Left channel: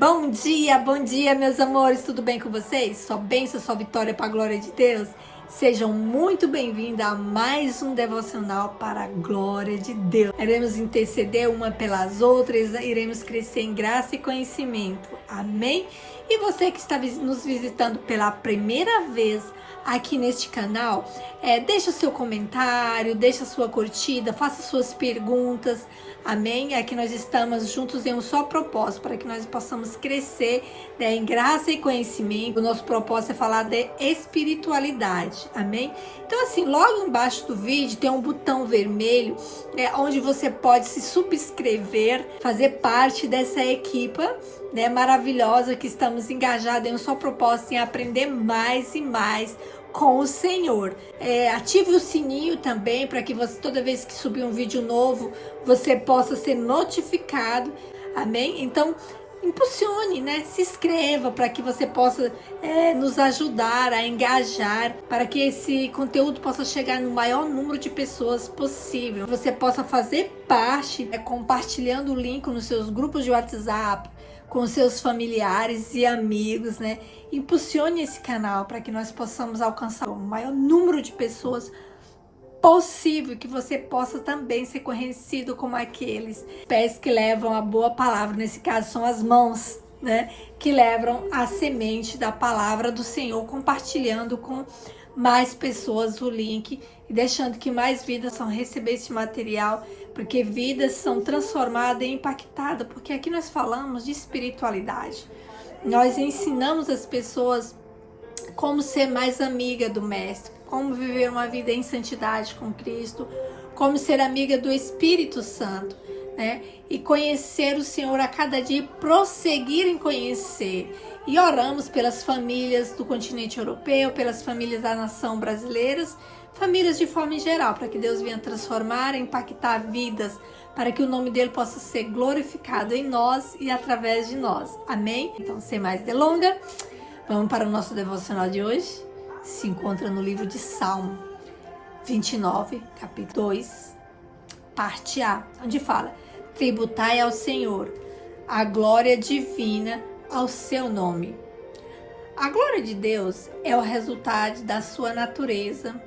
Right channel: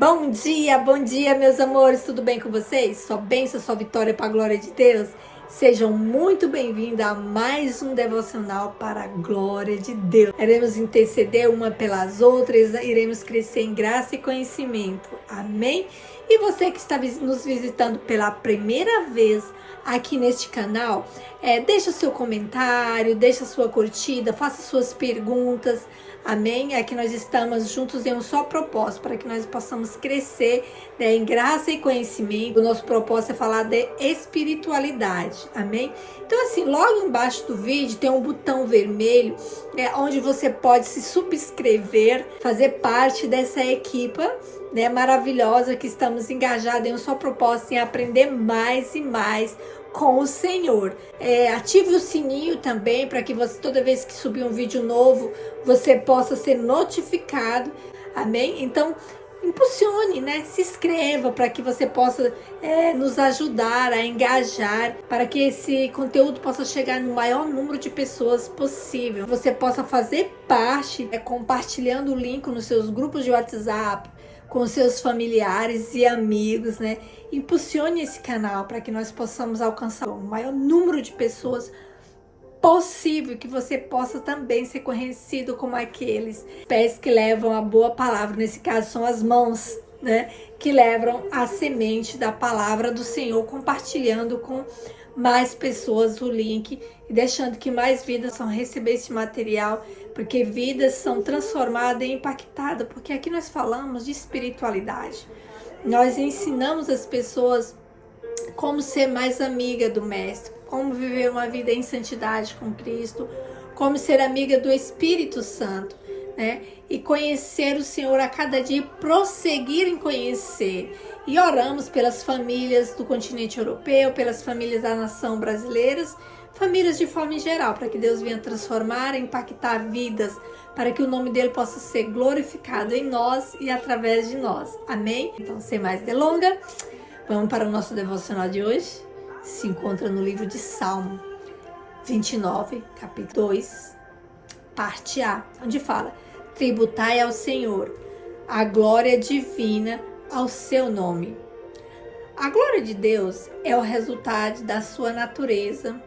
Bom dia, meus amores, tudo bem com vocês? Só bênção, só vitória para a glória de Deus. Sejam muito bem-vindos a mais um devocional para a glória de Deus. Iremos interceder uma pelas outras, iremos crescer em graça e conhecimento. Amém? E você que está nos visitando pela primeira vez aqui neste canal, deixa o seu comentário, deixa a sua curtida, faça suas perguntas. Amém? Aqui nós estamos juntos em um só propósito, para que nós possamos crescer, né, em graça e conhecimento. O nosso propósito é falar de espiritualidade. Amém? Então, assim, logo embaixo do vídeo tem um botão vermelho, onde você pode se subscrever, fazer parte dessa equipa, né, maravilhosa, que estamos engajados em um só propósito, em aprender mais e mais com o Senhor. Ative o sininho também, para que você, toda vez que subir um vídeo novo, você possa ser notificado. Amém? Então, impulsione, né? Se inscreva para que você possa nos ajudar a engajar, para que esse conteúdo possa chegar no maior número de pessoas possível. Você possa fazer parte, compartilhando o link nos seus grupos de WhatsApp, com seus familiares e amigos, né? Impulsione esse canal para que nós possamos alcançar o maior número de pessoas possível, que você possa também ser conhecido como aqueles pés que levam a boa palavra. Nesse caso são as mãos, né? Que levam a semente da palavra do Senhor, compartilhando com mais pessoas o link e deixando que mais vidas possam receber esse material, porque vidas são transformadas e impactadas, porque aqui nós falamos de espiritualidade. Nós ensinamos as pessoas como ser mais amiga do Mestre, como viver uma vida em santidade com Cristo, como ser amiga do Espírito Santo, né? E conhecer o Senhor a cada dia, prosseguir em conhecer. E oramos pelas famílias do continente europeu, pelas famílias da nação brasileiras, famílias de forma em geral, para que Deus venha transformar, impactar vidas, para que o nome dele possa ser glorificado em nós e através de nós. Amém? Então, sem mais delongas, vamos para o nosso devocional de hoje. Se encontra no livro de Salmo 29, capítulo 2, parte A, onde fala: tributai ao Senhor a glória divina ao seu nome. A glória de Deus é o resultado da sua natureza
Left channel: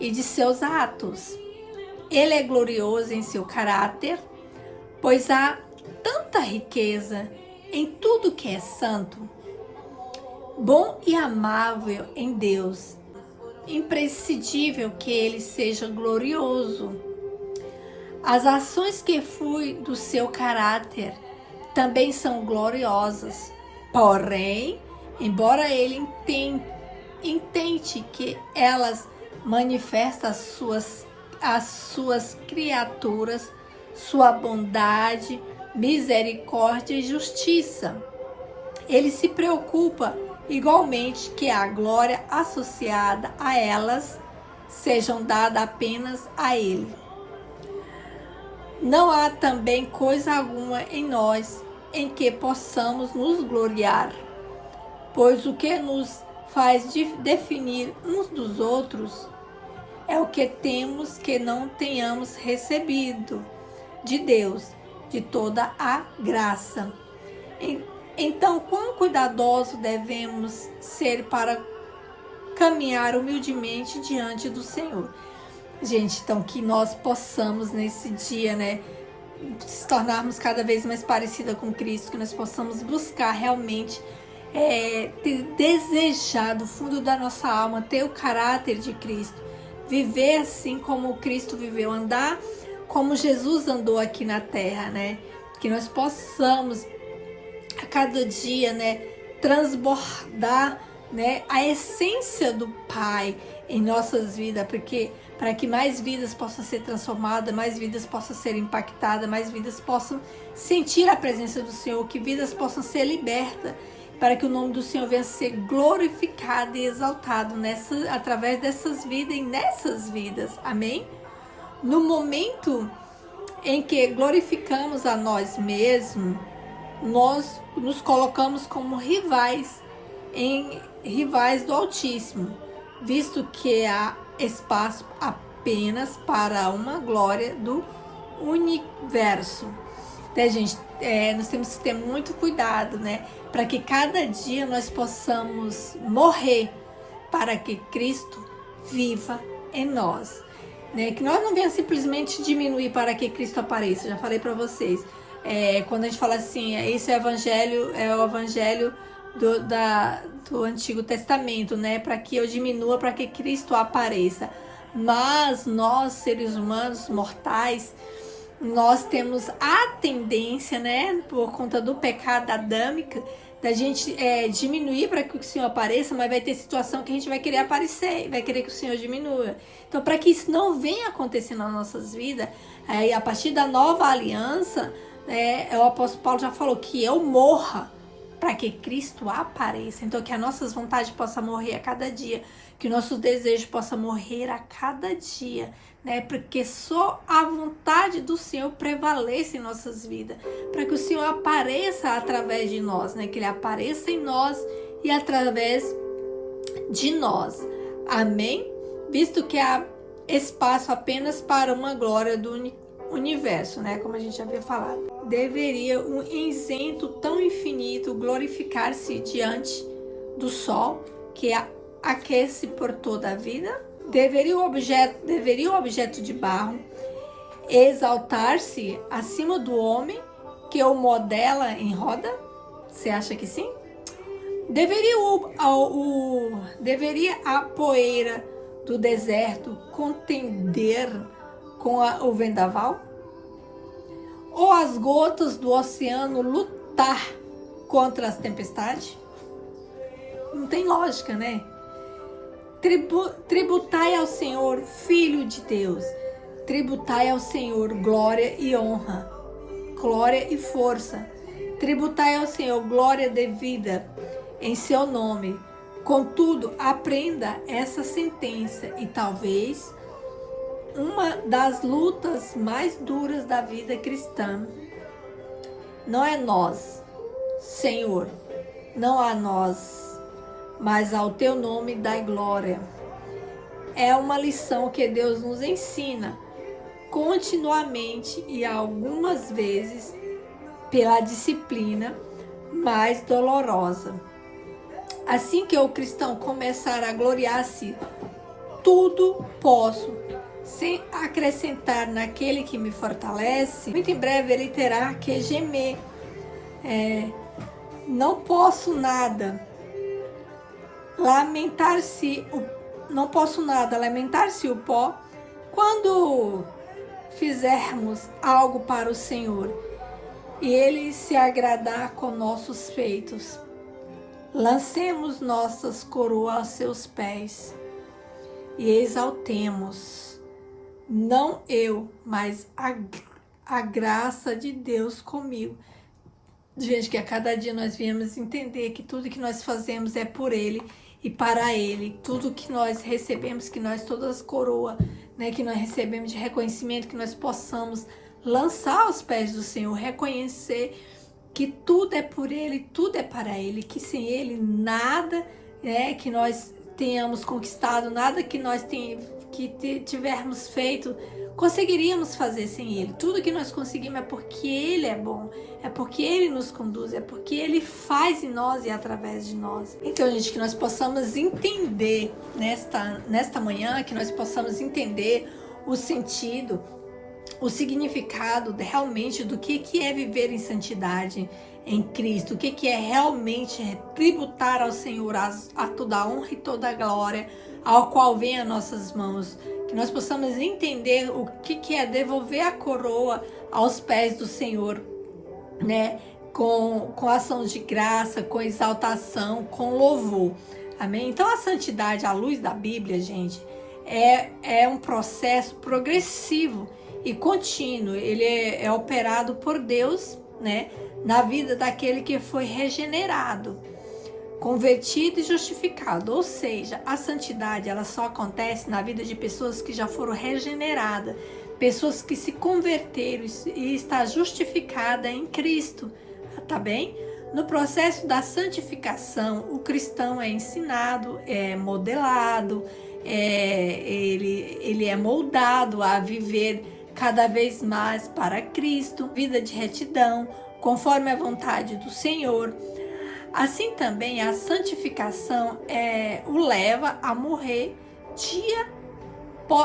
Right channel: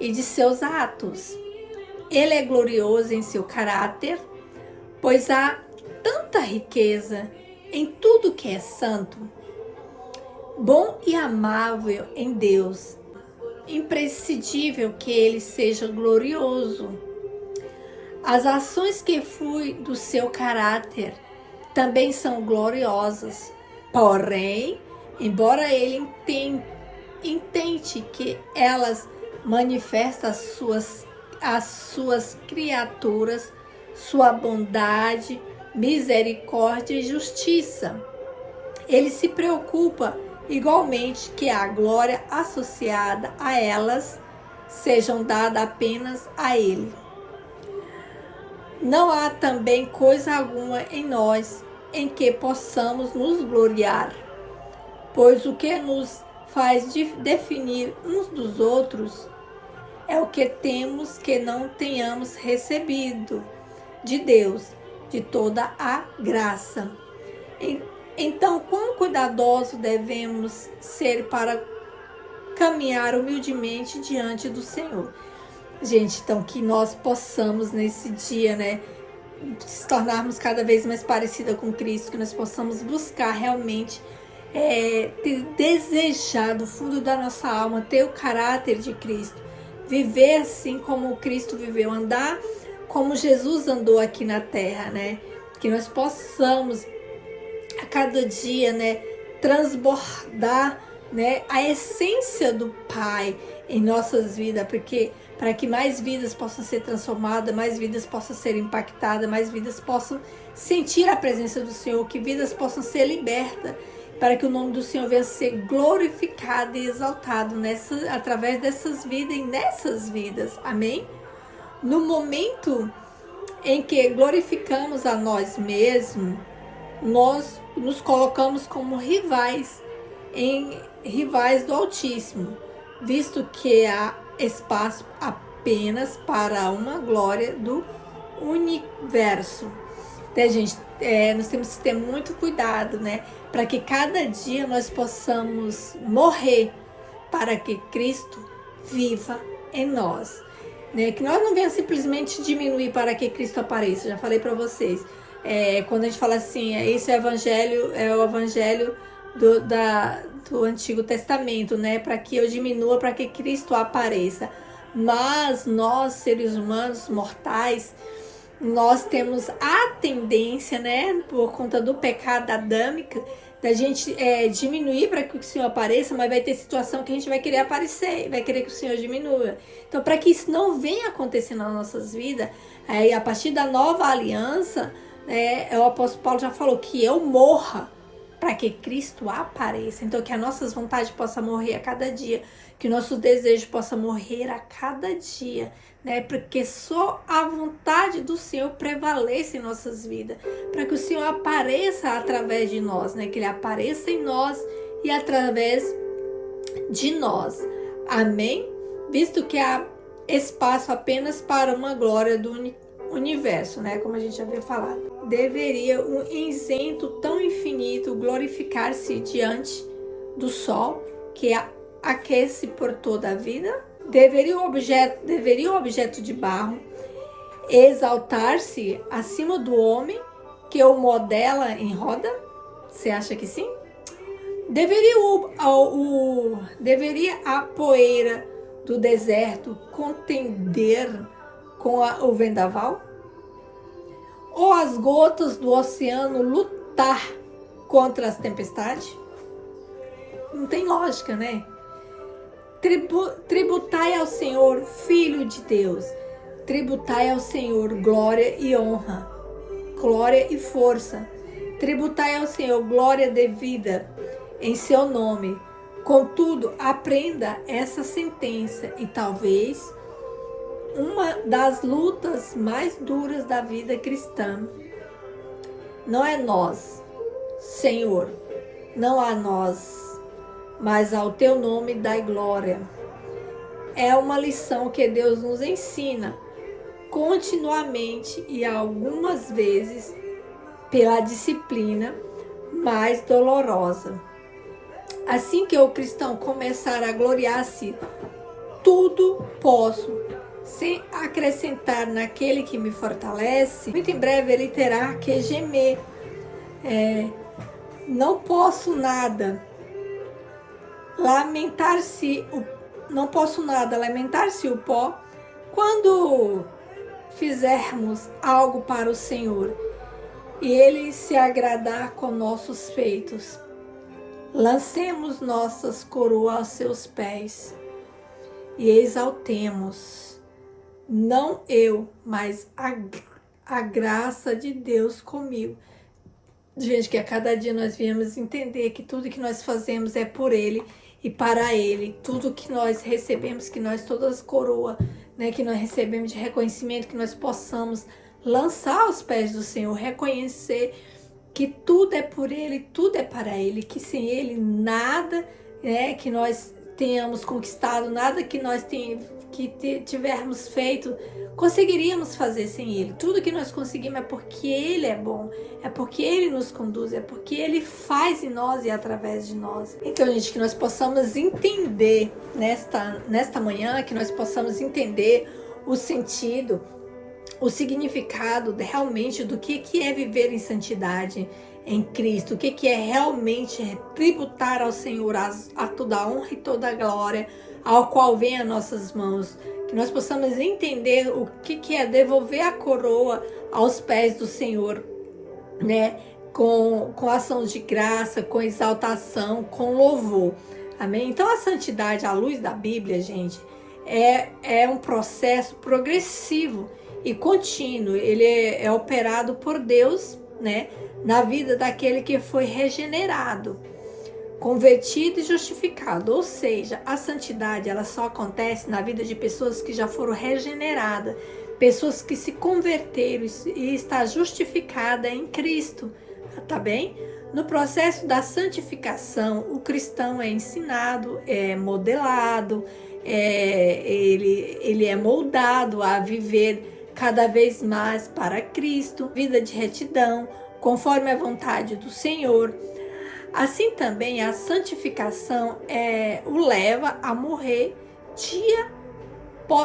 e de seus atos. Ele é glorioso em seu caráter, pois há tanta riqueza em tudo que é santo. Bom e amável em Deus, imprescindível que ele seja glorioso. As ações que flui do seu caráter também são gloriosas. Porém, embora ele intente que elas manifestem as suas criaturas, sua bondade, misericórdia e justiça, ele se preocupa igualmente que a glória associada a elas sejam dadas apenas a ele. Não há também coisa alguma em nós em que possamos nos gloriar, pois o que nos faz definir uns dos outros é o que temos que não tenhamos recebido de Deus, de toda a graça. Então, quão cuidadosos devemos ser para caminhar humildemente diante do Senhor. Gente, então que nós possamos nesse dia, né, se tornarmos cada vez mais parecida com Cristo, que nós possamos buscar realmente ter desejado do fundo da nossa alma, ter o caráter de Cristo, viver assim como Cristo viveu, andar como Jesus andou aqui na terra, né? Que nós possamos a cada dia, né, transbordar, né, a essência do Pai em nossas vidas, porque para que mais vidas possam ser transformadas, mais vidas possam ser impactadas, mais vidas possam sentir a presença do Senhor, que vidas possam ser libertas, para que o nome do Senhor venha ser glorificado e exaltado através dessas vidas e nessas vidas. Amém? No momento em que glorificamos a nós mesmos, nós nos colocamos como rivais do Altíssimo, visto que há espaço apenas para uma glória do universo. Gente, nós temos que ter muito cuidado, né? Para que cada dia nós possamos morrer para que Cristo viva em nós, né? Que nós não venhamos simplesmente diminuir para que Cristo apareça. Já falei para vocês. Quando a gente fala assim, esse é o evangelho do Antigo Testamento, né? Para que eu diminua, para que Cristo apareça. Mas nós, seres humanos mortais, nós temos a tendência, né, por conta do pecado adâmico, da gente diminuir para que o Senhor apareça, mas vai ter situação que a gente vai querer aparecer, vai querer que o Senhor diminua. Então, para que isso não venha acontecer nas nossas vidas, a partir da nova aliança, o apóstolo Paulo já falou que eu morra para que Cristo apareça. Então, que as nossas vontades possam morrer a cada dia, que nossos desejos possam morrer a cada dia, né? Porque só a vontade do Senhor prevalece em nossas vidas, para que o Senhor apareça através de nós, né? Que Ele apareça em nós e através de nós. Amém? Visto que há espaço apenas para uma glória do universo, né? Como a gente já havia falado. Deveria um isento tão infinito glorificar-se diante do sol, que aquece por toda a vida? Deveria o objeto de barro exaltar-se acima do homem que o modela em roda? Você acha que sim? Deveria a poeira do deserto contender com o vendaval? Ou as gotas do oceano lutar contra as tempestades? Não tem lógica, né? Tributai ao Senhor, Filho de Deus. Tributai ao Senhor glória e honra, glória e força. Tributai ao Senhor glória devida em seu nome. Contudo, aprenda essa sentença e talvez uma das lutas mais duras da vida cristã não é nós, Senhor, não a nós, mas ao teu nome dai glória. É uma lição que Deus nos ensina continuamente e algumas vezes pela disciplina mais dolorosa. Assim que o cristão começar a gloriar-se, tudo posso, sem acrescentar naquele que me fortalece, muito em breve ele terá que gemer. Não posso nada, lamentar-se o pó, quando fizermos algo para o Senhor e Ele se agradar com nossos feitos. Lancemos nossas coroas aos seus pés e exaltemos, não eu, mas a graça de Deus comigo. Gente, que a cada dia nós viemos entender que tudo que nós fazemos é por Ele e para Ele. Tudo que nós recebemos, que nós, todas as coroas, né, que nós recebemos de reconhecimento, que nós possamos lançar aos pés do Senhor, reconhecer que tudo é por Ele, tudo é para Ele, que sem Ele nada, né, que nós tenhamos conquistado, nada que nós tivermos feito, conseguiríamos fazer sem Ele. Tudo que nós conseguimos é porque Ele é bom, é porque Ele nos conduz, é porque Ele faz em nós e através de nós. Então, gente, que nós possamos entender nesta manhã, que nós possamos entender o sentido, o significado realmente do que é viver em santidade em Cristo, o que é realmente tributar ao Senhor a toda a honra e toda a glória ao qual vem as nossas mãos. Que nós possamos entender o que é devolver a coroa aos pés do Senhor, né? Com ação de graça, com exaltação, com louvor. Amém? Então a santidade à luz da Bíblia, gente, é um processo progressivo e contínuo. Ele é operado por Deus, né? Na vida daquele que foi regenerado, convertido e justificado. Ou seja, a santidade ela só acontece na vida de pessoas que já foram regeneradas, pessoas que se converteram e está justificada em Cristo, tá bem? No processo da santificação, o cristão é ensinado, é modelado, ele é moldado a viver cada vez mais para Cristo, vida de retidão, conforme a vontade do Senhor. Assim também a santificação o leva a morrer dia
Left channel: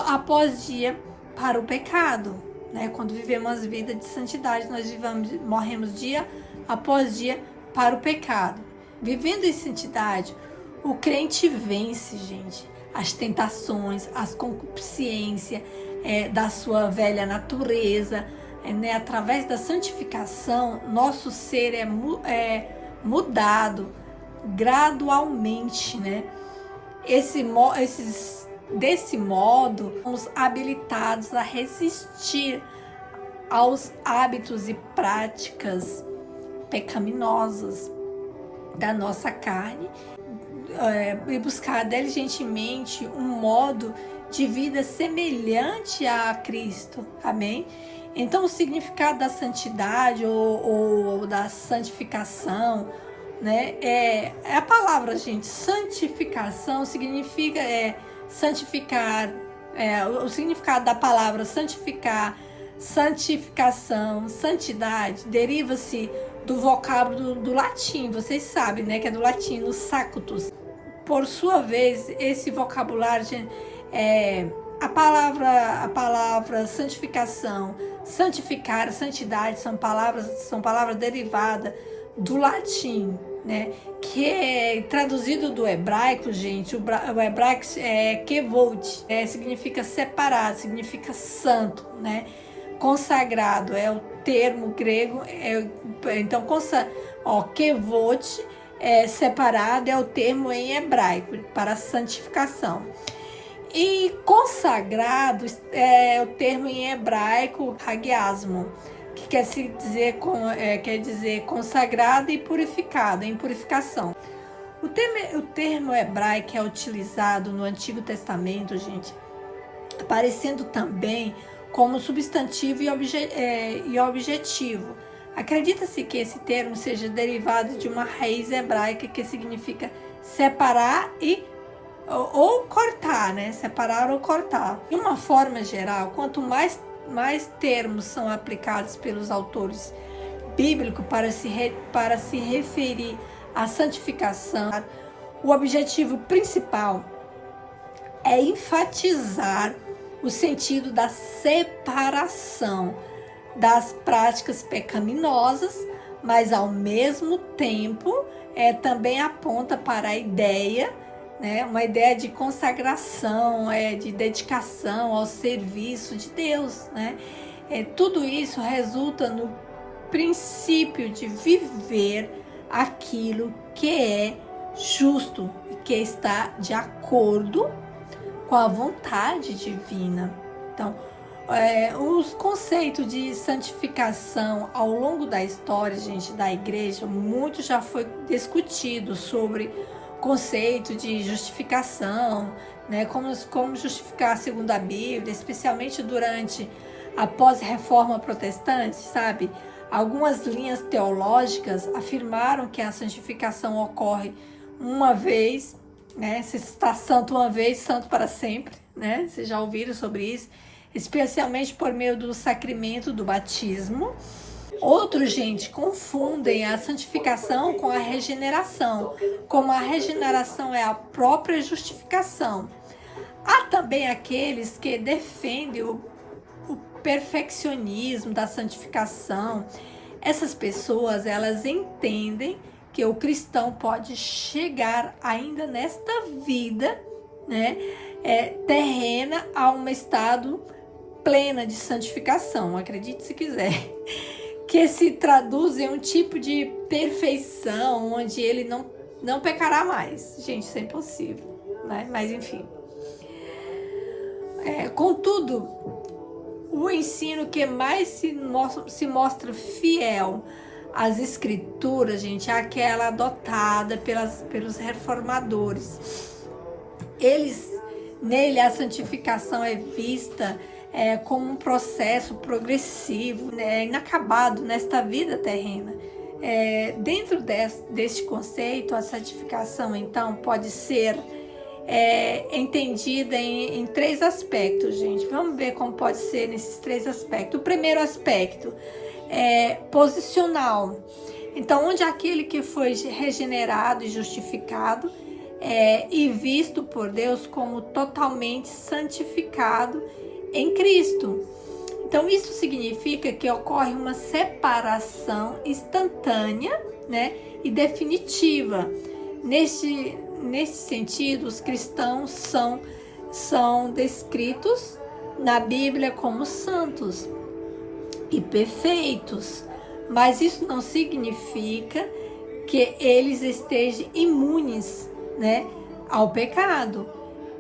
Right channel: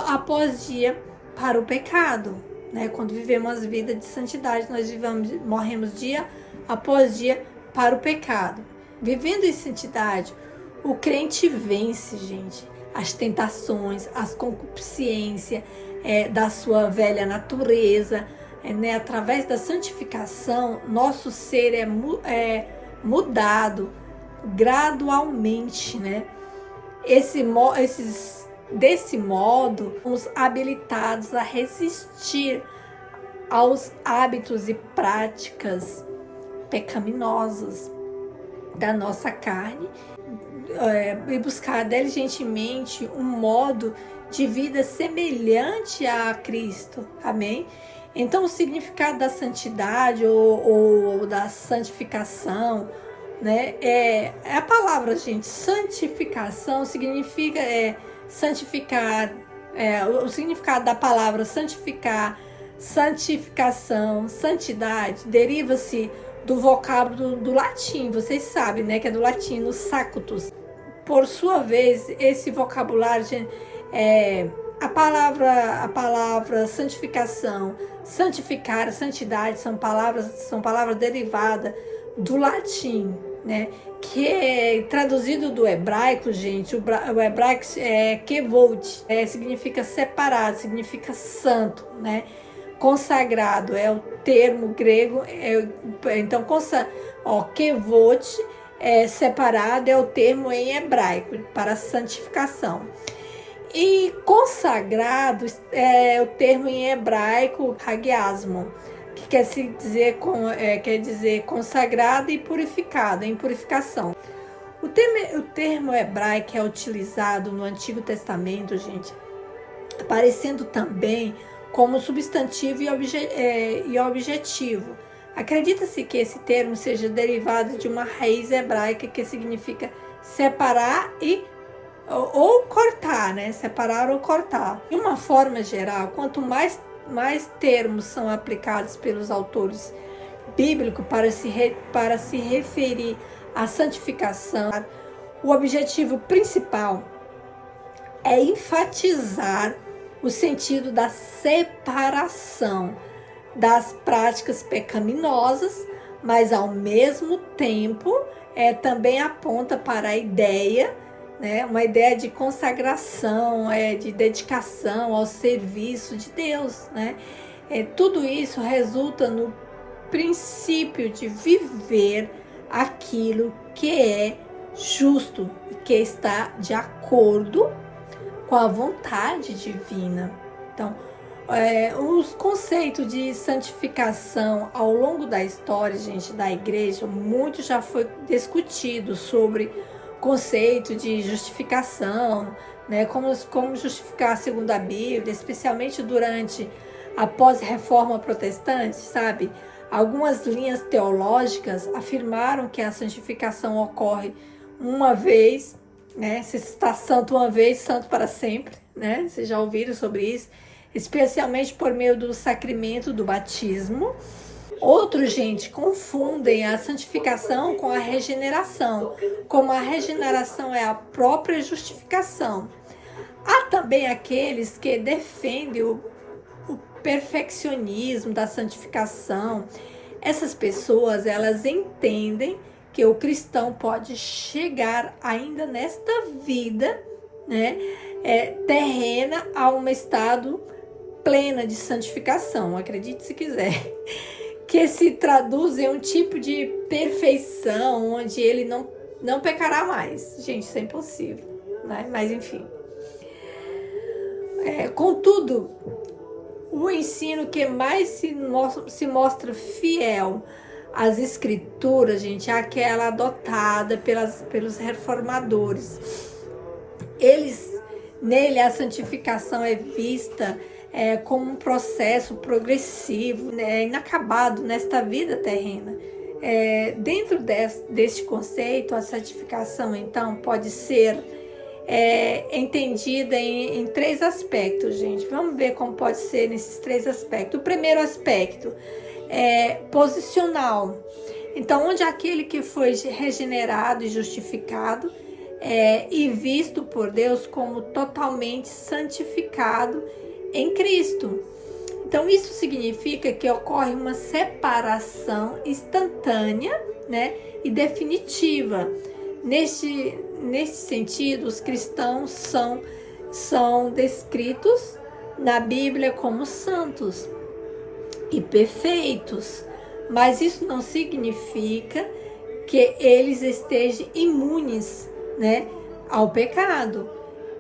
após dia para o pecado, né? Quando vivemos uma vida de santidade, nós morremos dia após dia para o pecado. Vivendo em santidade, o crente vence, gente, as tentações, as concupiscências da sua velha natureza, né? Através da santificação, nosso ser é mudado gradualmente, né? Desse modo, somos habilitados a resistir aos hábitos e práticas pecaminosas da nossa carne e buscar diligentemente um modo de vida semelhante a Cristo. Amém? Então, o significado da santidade ou da santificação, né? É a palavra, gente. Santificação significa santificar. O significado da palavra santificar, santificação, santidade, deriva-se do vocábulo do latim. Vocês sabem, né? Que é do latino sanctus. Por sua vez, esse vocabulário, a palavra santificação, santificar, santidade são palavras derivadas do latim, né? Que é traduzido do hebraico, gente. O hebraico é kevod, significa separado, significa santo, né? Consagrado é o termo grego. Então, kevod, separado, é o termo em hebraico para santificação. E consagrado é o termo em hebraico hagiasmo, que quer dizer consagrado e purificado, em purificação. O termo hebraico é utilizado no Antigo Testamento, gente, aparecendo também como substantivo e objetivo. Acredita-se que esse termo seja derivado de uma raiz hebraica que significa separar ou cortar, né? Separar ou cortar. De uma forma geral, quanto mais termos são aplicados pelos autores bíblicos para se referir à santificação, o objetivo principal é enfatizar o sentido da separação das práticas pecaminosas, mas ao mesmo tempo também aponta para a ideia, né, uma ideia de consagração, de dedicação ao serviço de Deus, né? Tudo isso resulta no princípio de viver aquilo que é justo e que está de acordo com a vontade divina. Então, os conceitos de santificação ao longo da história, gente, da igreja, muito já foi discutido sobre conceito de justificação, né? Como justificar segundo a Bíblia, especialmente durante a pós-reforma protestante, sabe? Algumas linhas teológicas afirmaram que a santificação ocorre uma vez, né? Se está santo uma vez, santo para sempre, né? Vocês já ouviram sobre isso? Especialmente por meio do sacramento do batismo. Outros, gente, confundem a santificação com a regeneração, como a regeneração é a própria justificação. Há também aqueles que defendem o perfeccionismo da santificação. Essas pessoas, elas entendem que o cristão pode chegar ainda nesta vida, né, terrena, a um estado plena de santificação, acredite se quiser, que se traduz em um tipo de perfeição onde ele não pecará mais. Gente, isso é impossível, né? Mas enfim. Contudo, o ensino que mais se mostra fiel às escrituras, gente, é aquela adotada pelos reformadores. Nele a santificação é vista como um processo progressivo, né, inacabado nesta vida terrena. Dentro deste conceito, a santificação, então, pode ser entendida em 3 aspectos, gente. Vamos ver como pode ser nesses 3 aspectos. O primeiro aspecto posicional. Então, onde aquele que foi regenerado e justificado e visto por Deus como totalmente santificado em Cristo. Então, isso significa que ocorre uma separação instantânea, né, e definitiva. Neste sentido, os cristãos são descritos na Bíblia como santos e perfeitos, mas isso não significa que eles estejam imunes, né, ao pecado.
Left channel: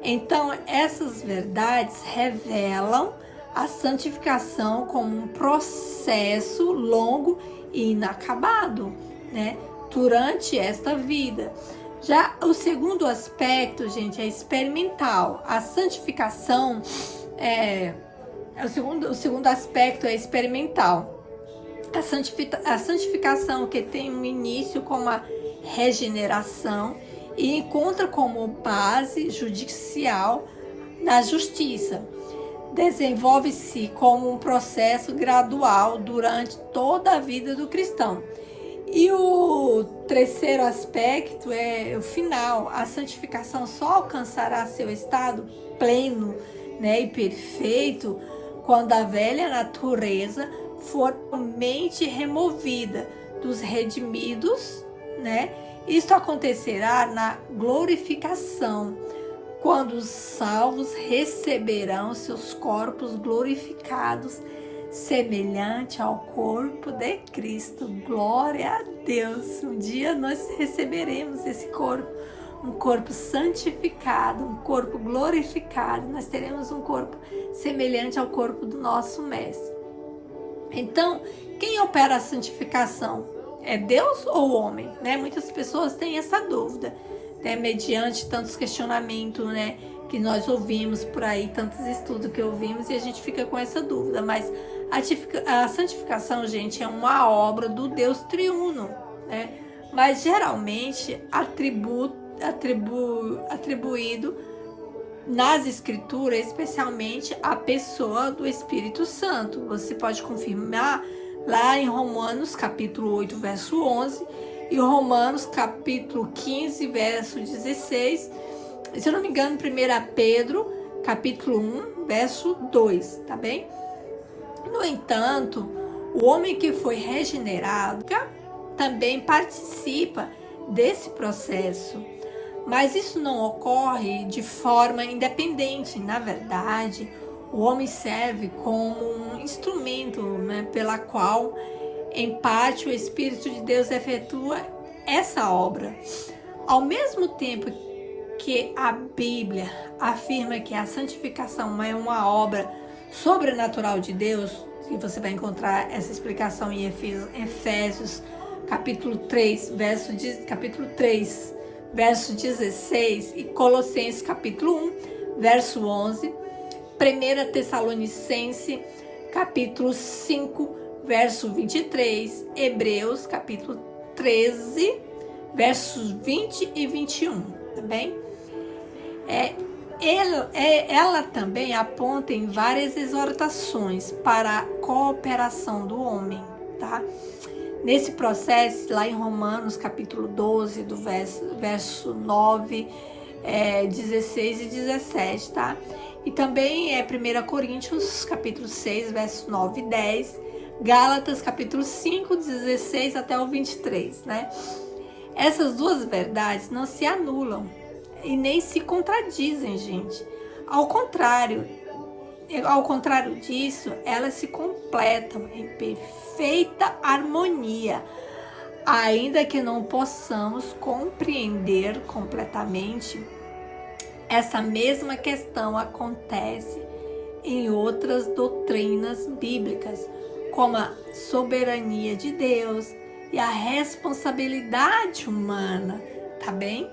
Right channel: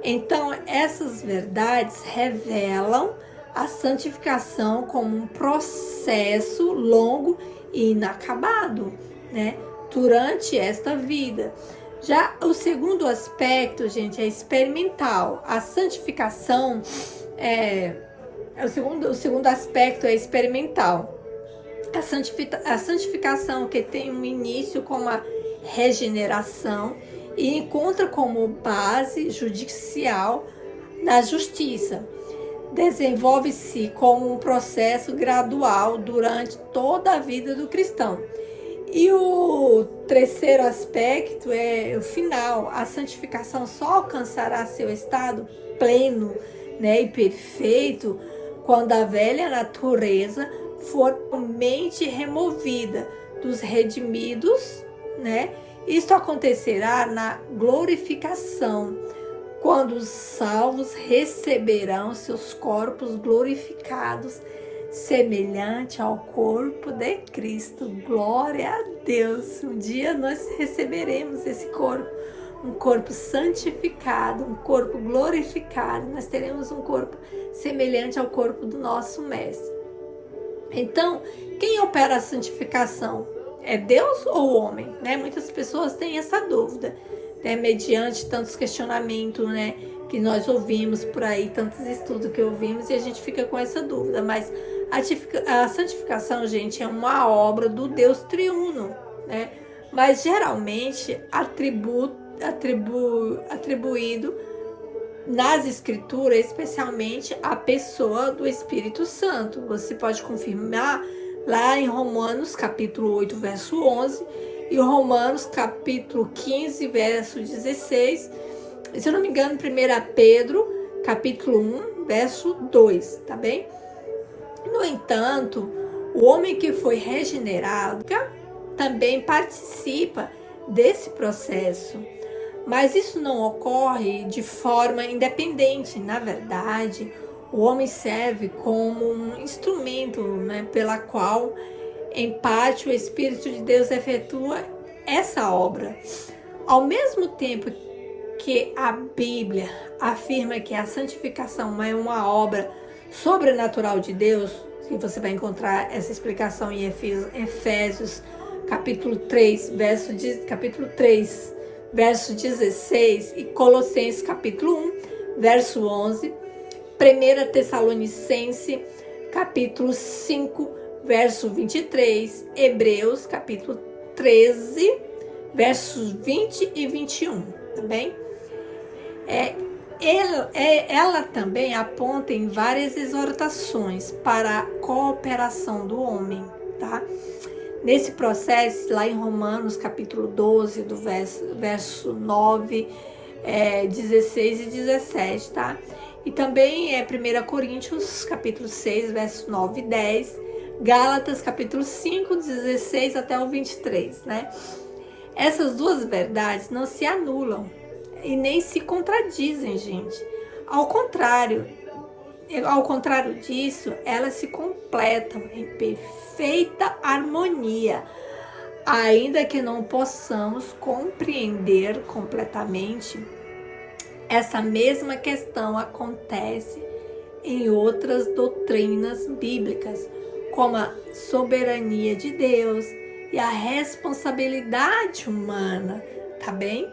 Então, essas verdades revelam a santificação como um processo longo e inacabado, né, durante esta vida. Já o segundo aspecto, gente, é experimental. A santificação o segundo aspecto é experimental. A santificação que tem um início com a regeneração e encontra como base judicial na justiça. Desenvolve-se como um processo gradual durante toda a vida do cristão. E o terceiro aspecto é o final. A santificação só alcançará seu estado pleno, né, e perfeito quando a velha natureza for totalmente removida dos redimidos, né? Isso acontecerá na glorificação, quando os salvos receberão seus corpos glorificados, semelhante ao corpo de Cristo. Glória a Deus! Um dia nós receberemos esse corpo, um corpo santificado, um corpo glorificado. Nós teremos um corpo semelhante ao corpo do nosso Mestre. Então, quem opera a santificação? É Deus ou o homem? Né? Muitas pessoas têm essa dúvida, né? Mediante tantos questionamentos, né, que nós ouvimos por aí, tantos estudos que ouvimos, e a gente fica com essa dúvida. Mas a santificação, gente, é uma obra do Deus triuno, né? Mas geralmente atribuído nas escrituras, especialmente a pessoa do Espírito Santo. Você pode confirmar lá em Romanos capítulo 8, verso 11, e Romanos capítulo 15, verso 16, se eu não me engano, 1 Pedro capítulo 1, verso 2, tá bem? No entanto, o homem que foi regenerado também participa desse processo. Mas isso não ocorre de forma independente. Na verdade, o homem serve como um instrumento, né, pela qual, em parte, o Espírito de Deus efetua essa obra. Ao mesmo tempo que a Bíblia afirma que a santificação é uma obra sobrenatural de Deus, e você vai encontrar essa explicação em Efésios capítulo 3, verso 16, e Colossenses capítulo 1, verso 11, 1 Tessalonicenses capítulo 5, verso 23, Hebreus capítulo 13, versos 20 e 21, tá bem? Ela também aponta em várias exortações para a cooperação do homem, tá? Nesse processo, lá em Romanos capítulo 12, do verso 9, 16 e 17, tá? E também 1 Coríntios capítulo 6, verso 9 e 10, Gálatas capítulo 5, 16 até o 23, né? Essas duas verdades não se anulam e nem se contradizem, gente. Ao contrário disso, elas se completam em perfeita harmonia, ainda que não possamos compreender completamente. Essa mesma questão acontece em outras doutrinas bíblicas, como a soberania de Deus e a responsabilidade humana, tá bem?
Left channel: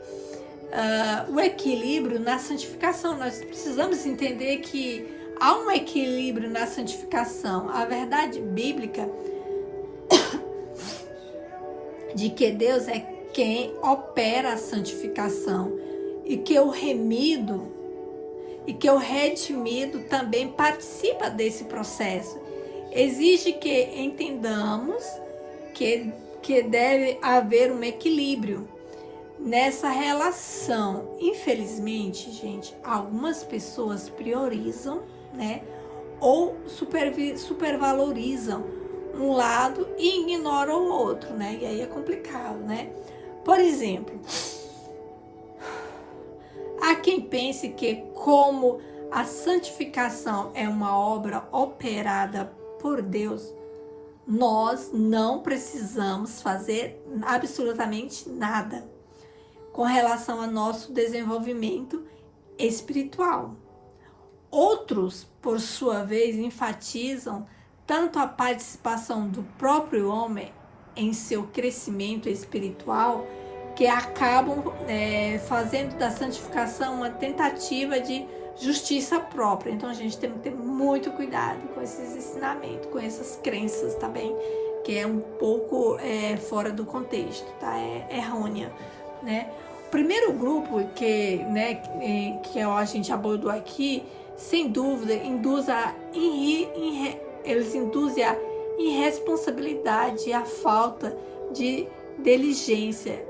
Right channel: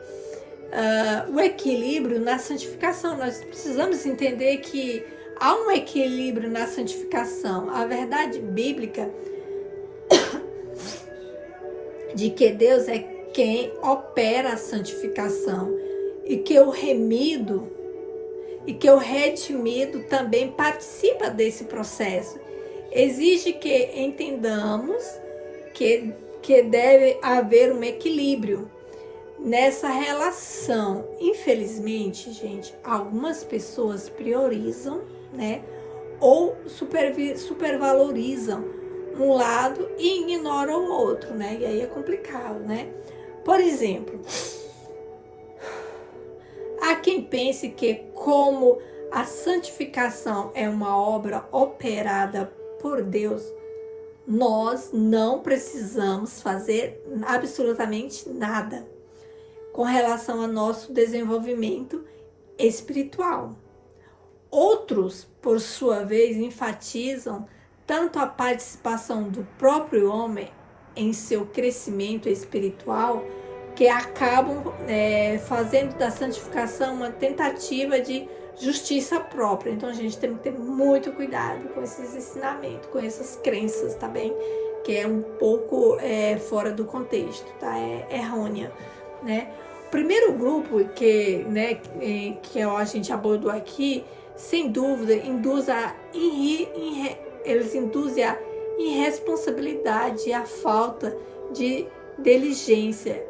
O equilíbrio na santificação. Nós precisamos entender que há um equilíbrio na santificação. A verdade bíblica de que Deus é quem opera a santificação e que o remido e que o redimido também participa desse processo. exige que entendamos que deve haver um equilíbrio nessa relação. Infelizmente, gente, algumas pessoas priorizam, né, ou supervalorizam um lado e ignoram o outro, né? E aí é complicado, né? Por exemplo, há quem pense que como a santificação é uma obra operada por Deus, nós não precisamos fazer absolutamente nada com relação ao nosso desenvolvimento espiritual. Outros, por sua vez, enfatizam tanto a participação do próprio homem em seu crescimento espiritual, que acabam fazendo da santificação uma tentativa de justiça própria. Então a gente tem que ter muito cuidado com esses ensinamentos, com essas crenças, tá bem? Que é um pouco fora do contexto, tá? É errônea, né? O primeiro grupo que a gente abordou aqui, sem dúvida, eles induzem a irresponsabilidade e a falta de diligência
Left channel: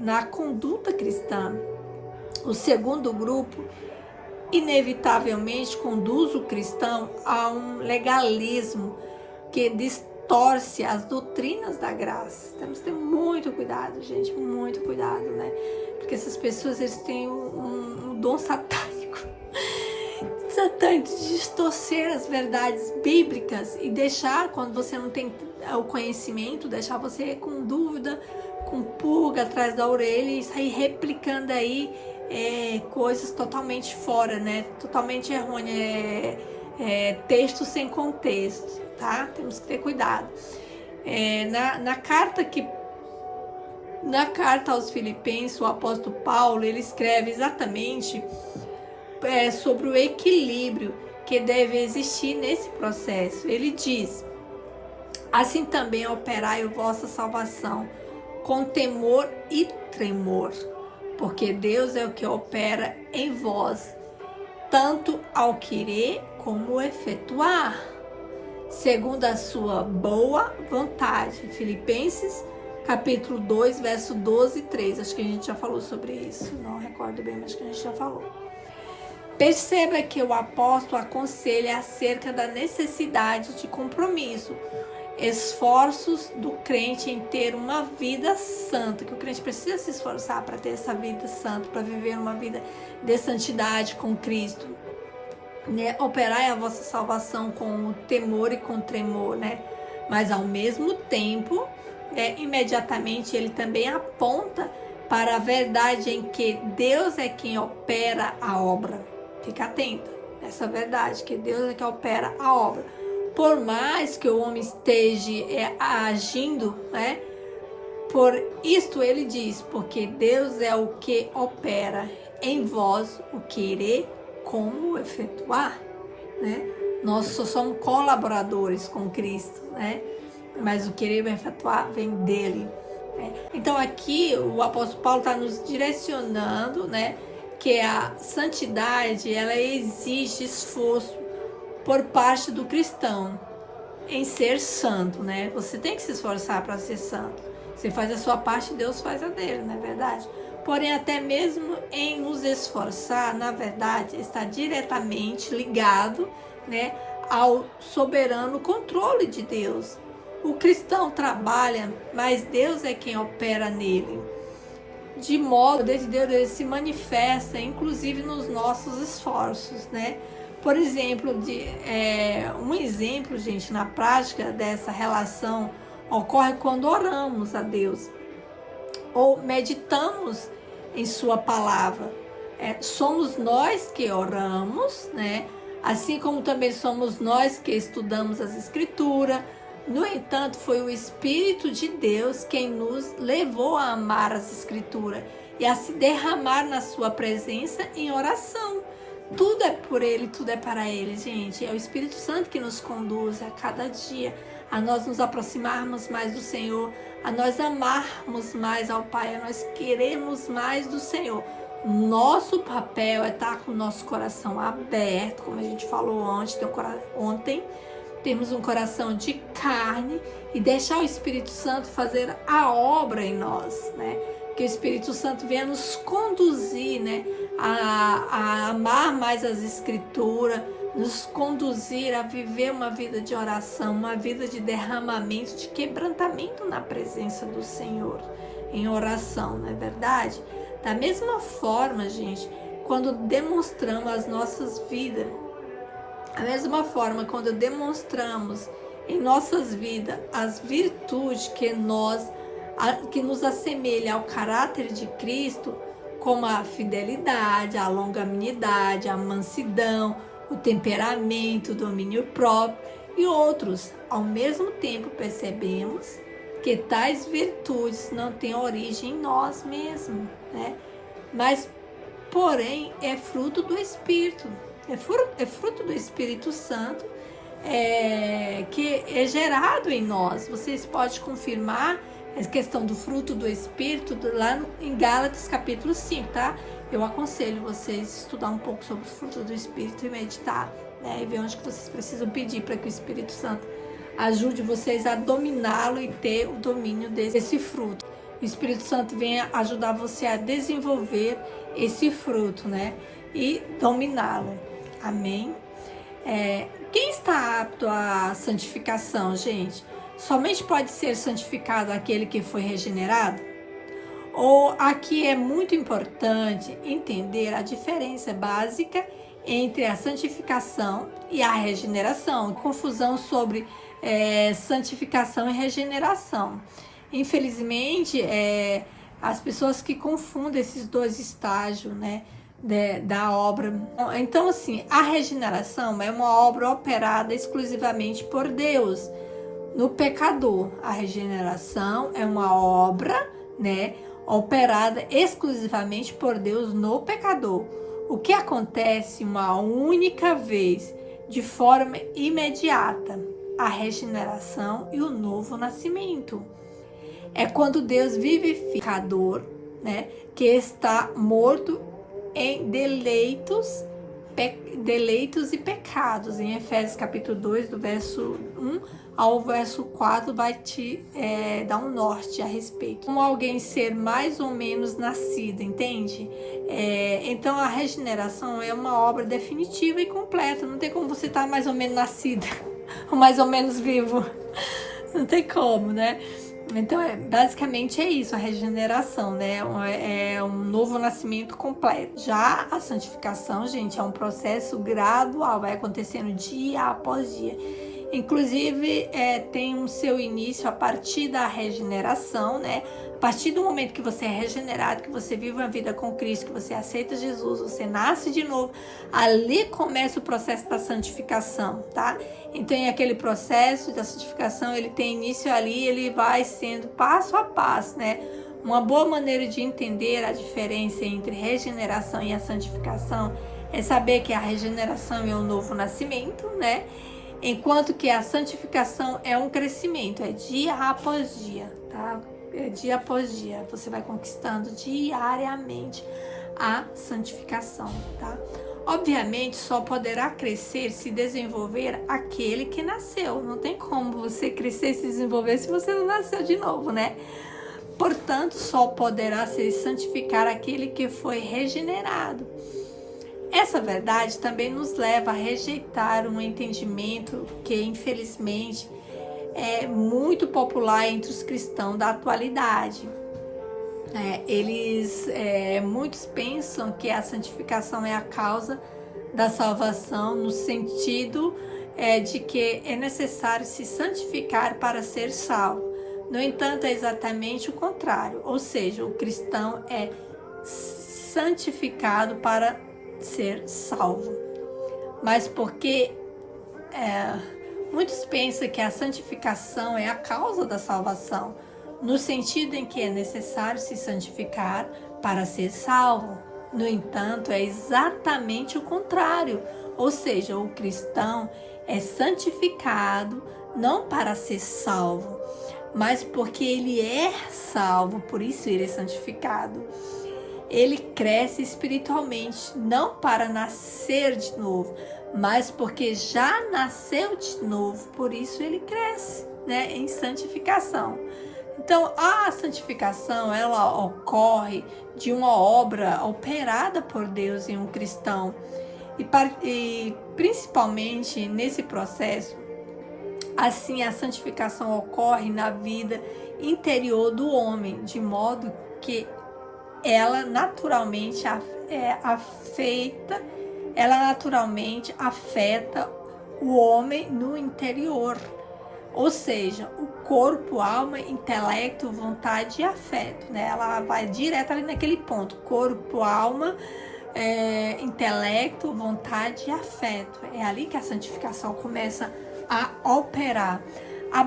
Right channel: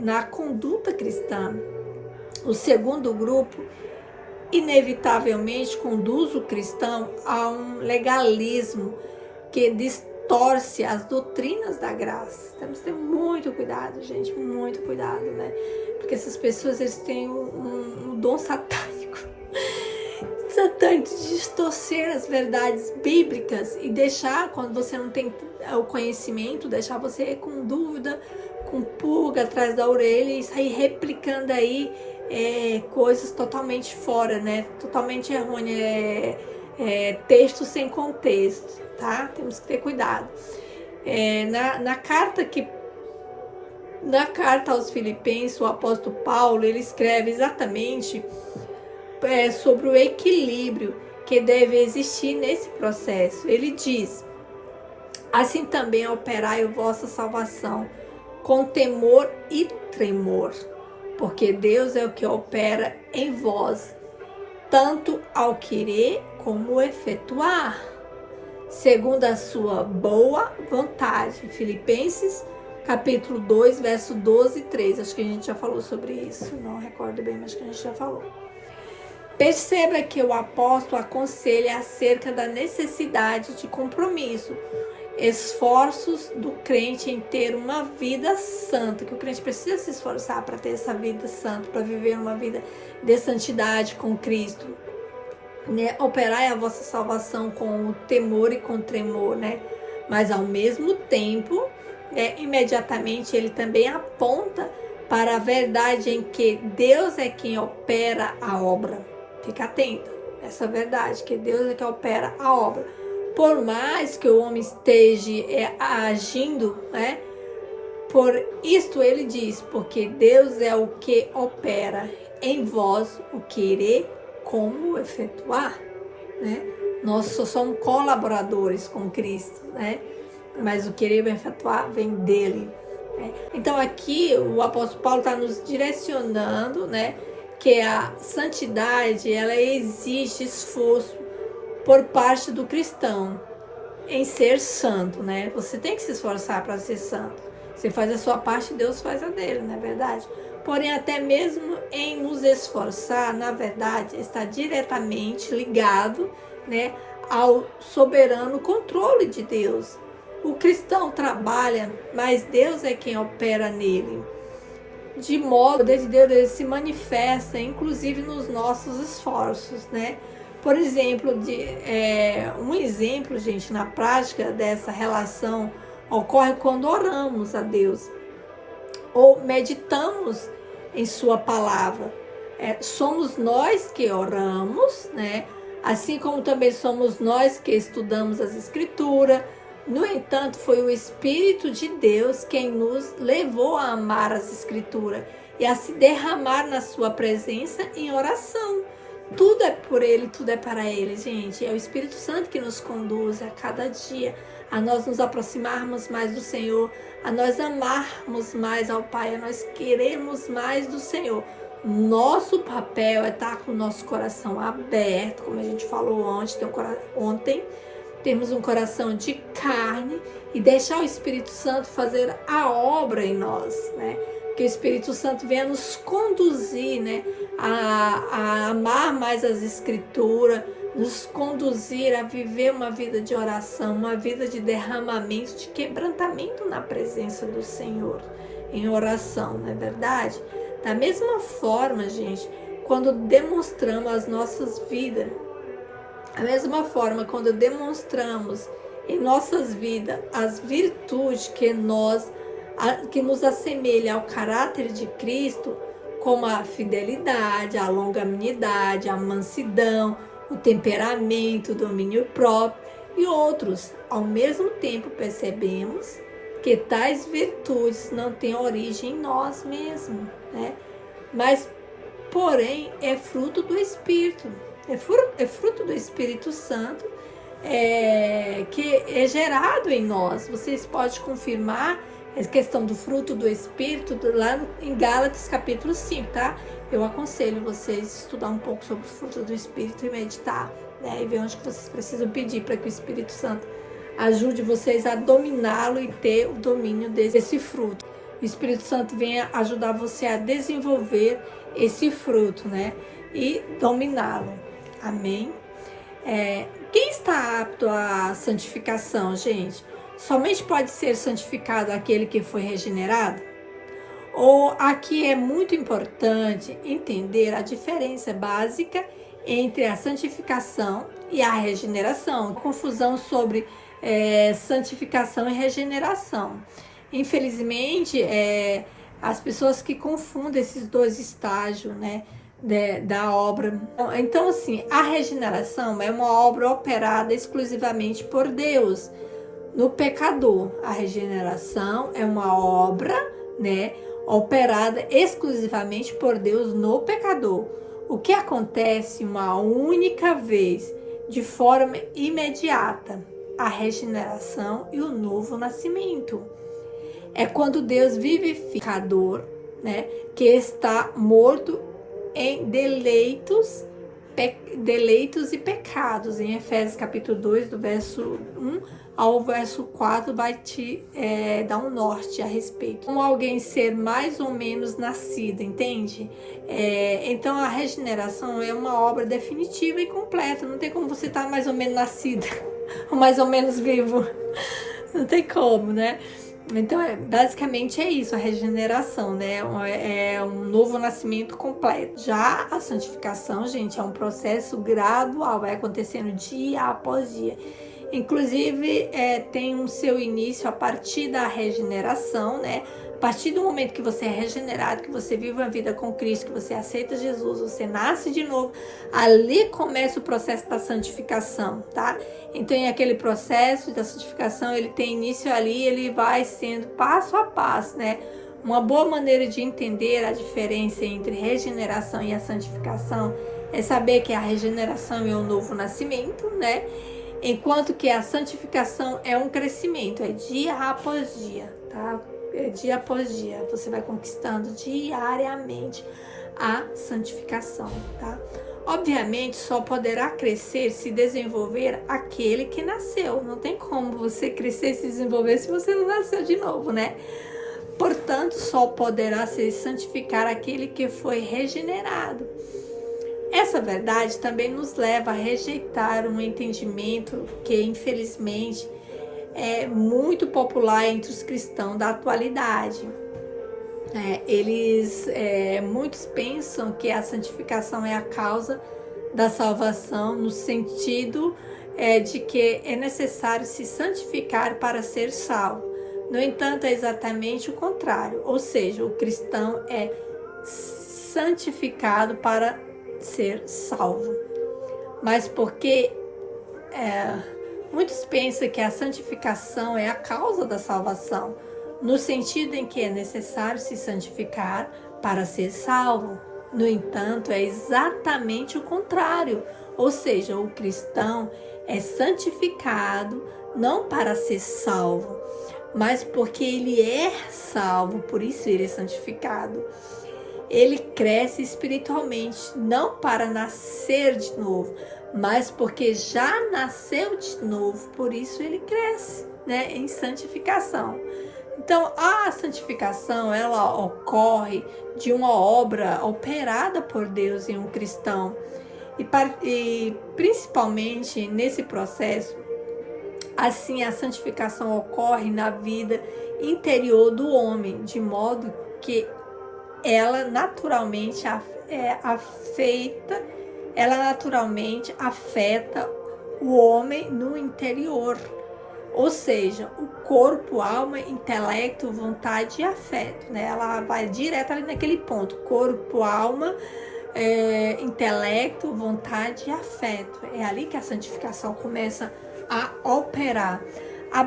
na conduta cristã. O segundo grupo, inevitavelmente, conduz o cristão a um legalismo que distorce as doutrinas da graça. Temos que ter muito cuidado, gente, muito cuidado, né? Porque essas pessoas, eles têm um dom satânico de distorcer as verdades bíblicas e deixar, quando você não tem o conhecimento, deixar você com dúvida, com pulga atrás da orelha e sair replicando aí coisas totalmente fora, né? Totalmente errôneas, texto sem contexto, tá? Temos que ter cuidado. Na carta aos Filipenses, o apóstolo Paulo, ele escreve exatamente sobre o equilíbrio que deve existir nesse processo. Ele diz: assim também operai a vossa salvação com temor e tremor, porque Deus é o que opera em vós, tanto ao querer como efetuar, segundo a sua boa vontade. Filipenses, capítulo 2, verso 12 e 13. Acho que a gente já falou sobre isso, não recordo bem, mas acho que a gente já falou. Perceba que o apóstolo aconselha acerca da necessidade de compromisso, esforços do crente em ter uma vida santa, que o crente precisa se esforçar para ter essa vida santa, para viver uma vida de santidade com Cristo, né? Operai a vossa salvação com o temor e com tremor, né? Mas ao mesmo tempo, imediatamente ele também aponta para a verdade em que Deus é quem opera a obra. Fica atenta, essa verdade, que Deus é que opera a obra. Por mais que o homem esteja agindo, né? Por isto ele diz, porque Deus é o que opera em vós o querer como o efetuar, né? Nós só somos colaboradores com Cristo, né? Mas o querer e o efetuar vem dele. Né? Então aqui o apóstolo Paulo está nos direcionando, né? Que a santidade, ela exige esforço por parte do cristão em ser santo, né? Você tem que se esforçar para ser santo. Você faz a sua parte, Deus faz a dele, não é verdade? Porém, até mesmo em nos esforçar, na verdade, está diretamente ligado, né, ao soberano controle de Deus. O cristão trabalha, mas Deus é quem opera nele. De modo que o poder de Deus ele se manifesta, inclusive nos nossos esforços, né? Por exemplo, um exemplo, gente, na prática dessa relação ocorre quando oramos a Deus ou meditamos em sua palavra. Somos nós que oramos, né? Assim como também somos nós que estudamos as Escrituras. No entanto, foi o Espírito de Deus quem nos levou a amar as Escrituras e a se derramar na sua presença em oração. Tudo é por Ele, tudo é para Ele, gente. É o Espírito Santo que nos conduz a cada dia a nós nos aproximarmos mais do Senhor, a nós amarmos mais ao Pai, a nós queremos mais do Senhor. Nosso papel é estar com o nosso coração aberto, como a gente falou ontem, termos um coração de carne e deixar o Espírito Santo fazer a obra em nós, né? Que o Espírito Santo venha nos conduzir, né, a amar mais as Escrituras, nos conduzir a viver uma vida de oração, uma vida de derramamento, de quebrantamento na presença do Senhor, em oração, não é verdade? Da mesma forma, gente, quando demonstramos as nossas vidas, da mesma forma quando demonstramos em nossas vidas as virtudes que nos assemelha ao caráter de Cristo, como a fidelidade, a longanimidade, a mansidão, o temperamento, o domínio próprio e outros. Ao mesmo tempo, percebemos que tais virtudes não têm origem em nós mesmos, né? Mas, porém, é fruto do Espírito, é fruto do Espírito Santo, que é gerado em nós. Vocês podem confirmar a questão do fruto do Espírito lá em Gálatas capítulo 5, tá? Eu aconselho vocês estudar um pouco sobre o fruto do Espírito e meditar, né? E ver onde que vocês precisam pedir para que o Espírito Santo ajude vocês a dominá-lo e ter o domínio desse fruto. O Espírito Santo venha ajudar você a desenvolver esse fruto, né? E dominá-lo. Amém? Quem está apto à santificação, gente? Somente pode ser santificado aquele que foi regenerado? Ou aqui é muito importante entender a diferença básica entre a santificação e a regeneração. Confusão sobre santificação e regeneração. Infelizmente, as pessoas que confundem esses dois estágios, né, da obra. Então, assim, a regeneração é uma obra operada exclusivamente por Deus no pecador. A regeneração é uma obra, né, operada exclusivamente por Deus no pecador. O que acontece uma única vez, de forma imediata, a regeneração e o novo nascimento. É quando Deus vivificador, né, que está morto em deleitos e pecados. Em Efésios capítulo 2, do verso 1 ao verso 4, vai te dar um norte a respeito. Como alguém ser mais ou menos nascido, entende? Então a regeneração é uma obra definitiva e completa. Não tem como você estar mais ou menos nascida, ou mais ou menos vivo. Não tem como, né? Então, basicamente é isso, a regeneração, né? É um novo nascimento completo. Já a santificação, gente, é um processo gradual, vai acontecendo dia após dia. Inclusive, tem um seu início a partir da regeneração, né? A partir do momento que você é regenerado, que você vive uma vida com Cristo, que você aceita Jesus, você nasce de novo, ali começa o processo da santificação, tá? Então, aquele processo da santificação, ele tem início ali, ele vai sendo passo a passo, né? Uma boa maneira de entender a diferença entre regeneração e a santificação é saber que a regeneração é um novo nascimento, né? Enquanto que a santificação é um crescimento, é dia após dia, tá? Dia após dia, você vai conquistando diariamente a santificação, tá? Obviamente, só poderá crescer, se desenvolver aquele que nasceu. Não tem como você crescer e se desenvolver se você não nasceu de novo, né? Portanto, só poderá se santificar aquele que foi regenerado. Essa verdade também nos leva a rejeitar um entendimento que, infelizmente, é muito popular entre os cristãos da atualidade. Muitos pensam que a santificação é a causa da salvação, no sentido de que é necessário se santificar para ser salvo. No entanto, é exatamente o contrário, ou seja, o cristão é santificado para ser salvo. Mas porque muitos pensam que a santificação é a causa da salvação, no sentido em que é necessário se santificar para ser salvo. No entanto, é exatamente o contrário, ou seja, o cristão é santificado não para ser salvo, mas porque ele é salvo, por isso ele é santificado. ele cresce espiritualmente, não para nascer de novo, mas porque já nasceu de novo, por isso ele cresce, né, em santificação. Então, a santificação, ela ocorre de uma obra operada por Deus em um cristão. E principalmente nesse processo, assim, a santificação ocorre na vida interior do homem, de modo que ela naturalmente afeta o homem no interior. Ou seja, o corpo, alma, intelecto, vontade e afeto, né? Ela vai direto ali naquele ponto. Corpo, alma, intelecto, vontade e afeto. É ali que a santificação começa a operar. A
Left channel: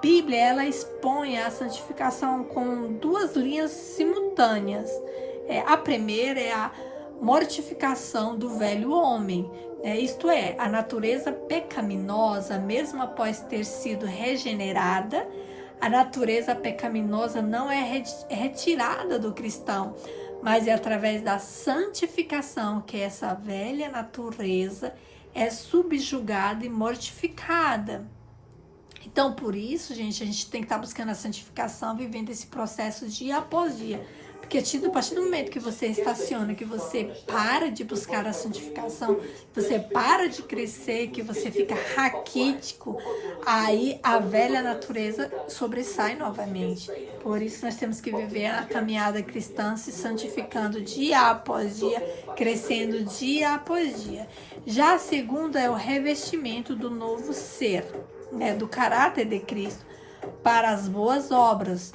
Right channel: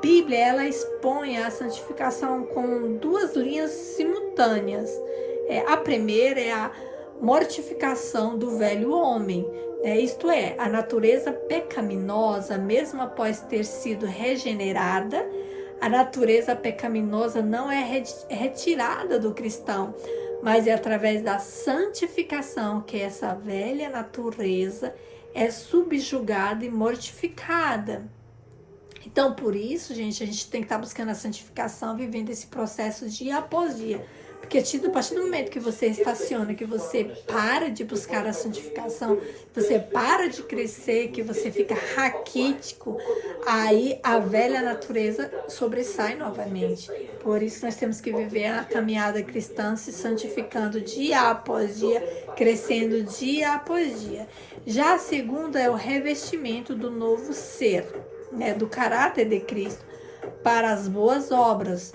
Bíblia, ela expõe a santificação com duas linhas simultâneas. A primeira é a mortificação do velho homem, isto é, a natureza pecaminosa, mesmo após ter sido regenerada, a natureza pecaminosa não é retirada do cristão, mas é através da santificação que essa velha natureza é subjugada e mortificada. Então, por isso, gente, a gente tem que estar buscando a santificação, vivendo esse processo dia após dia. Porque a partir do momento que você estaciona, que você para de buscar a santificação, que você para de crescer, que você fica raquítico, aí a velha natureza sobressai novamente. Por isso nós temos que viver a caminhada cristã, se santificando dia após dia, crescendo dia após dia. Já a segunda é o revestimento do novo ser, né, do caráter de Cristo, para as boas obras.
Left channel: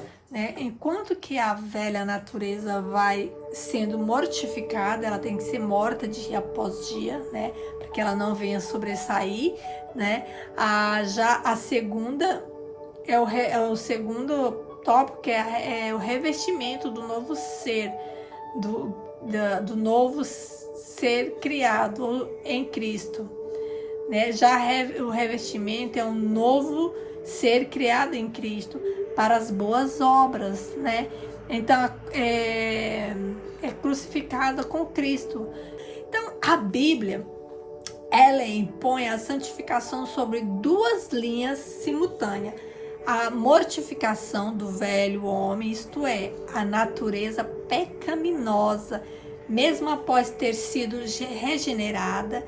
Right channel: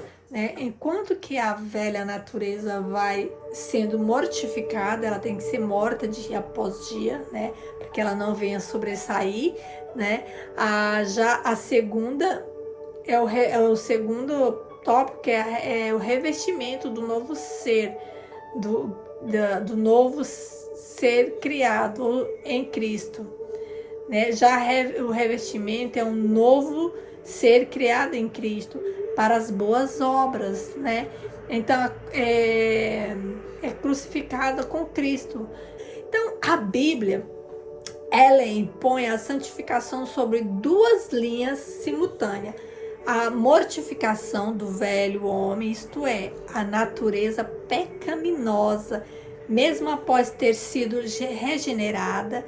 Enquanto que a velha natureza vai sendo mortificada, ela tem que ser morta dia após dia, né, para que ela não venha sobressair, né. Já a segunda é o segundo tópico, que é o revestimento do novo ser, do novo ser criado em Cristo, né. Já o revestimento é um novo ser criado em Cristo para as boas obras, né? Então, é crucificada com Cristo. Então, a Bíblia, ela impõe a santificação sobre duas linhas simultâneas. A mortificação do velho homem, isto é, a natureza pecaminosa, mesmo após ter sido regenerada,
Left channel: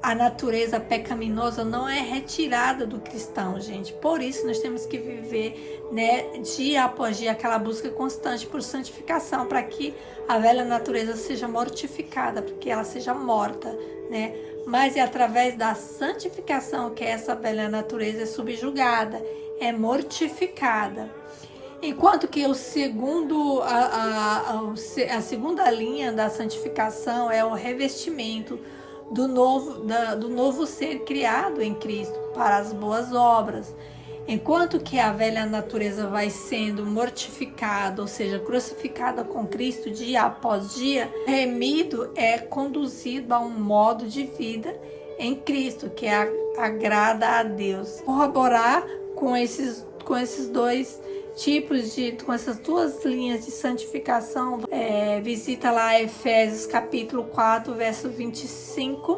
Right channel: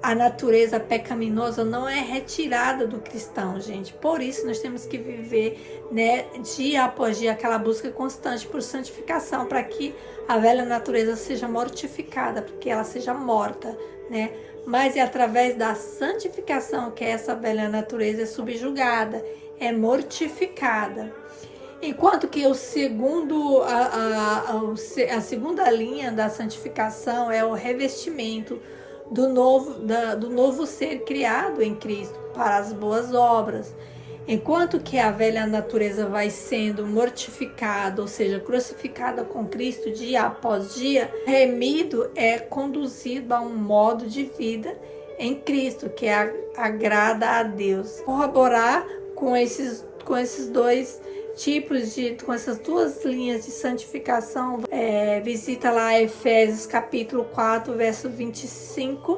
a natureza pecaminosa não é retirada do cristão, gente. Por isso nós temos que viver, né, dia após dia, aquela busca constante por santificação, para que a velha natureza seja mortificada, para que ela seja morta, né? Mas é através da santificação que essa velha natureza é subjugada, é mortificada. Enquanto que a segunda linha da santificação é o revestimento do novo ser criado em Cristo para as boas obras. Enquanto que a velha natureza vai sendo mortificada, ou seja, crucificada com Cristo dia após dia, remido é conduzido a um modo de vida em Cristo, que agrada a Deus. Corroborar com esses dois tipos com essas duas linhas de santificação, visita lá Efésios capítulo 4, verso 25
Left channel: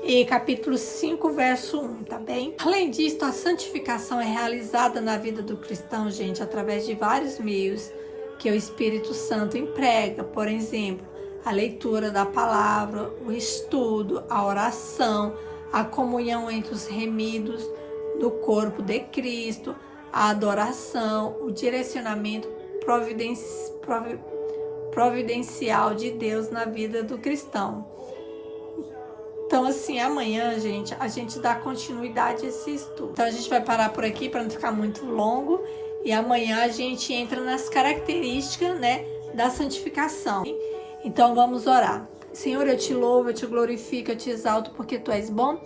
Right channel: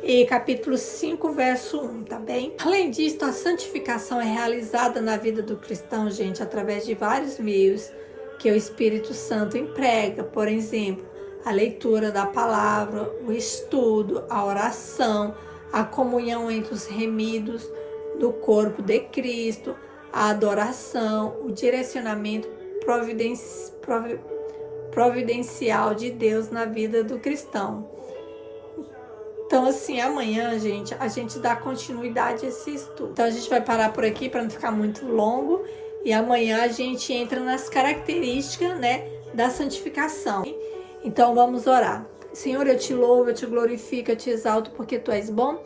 e capítulo 5, verso 1, tá bem? Além disso, a santificação é realizada na vida do cristão, gente, através de vários meios que o Espírito Santo emprega. Por exemplo, a leitura da palavra, o estudo, a oração, a comunhão entre os remidos do corpo de Cristo, a adoração, o direcionamento providencial de Deus na vida do cristão. Então, assim, amanhã, gente, a gente dá continuidade a esse estudo. Então, a gente vai parar por aqui para não ficar muito longo. E amanhã a gente entra nas características, né, da santificação. Então, vamos orar. Senhor, eu te louvo, eu te glorifico, eu te exalto, porque tu és bom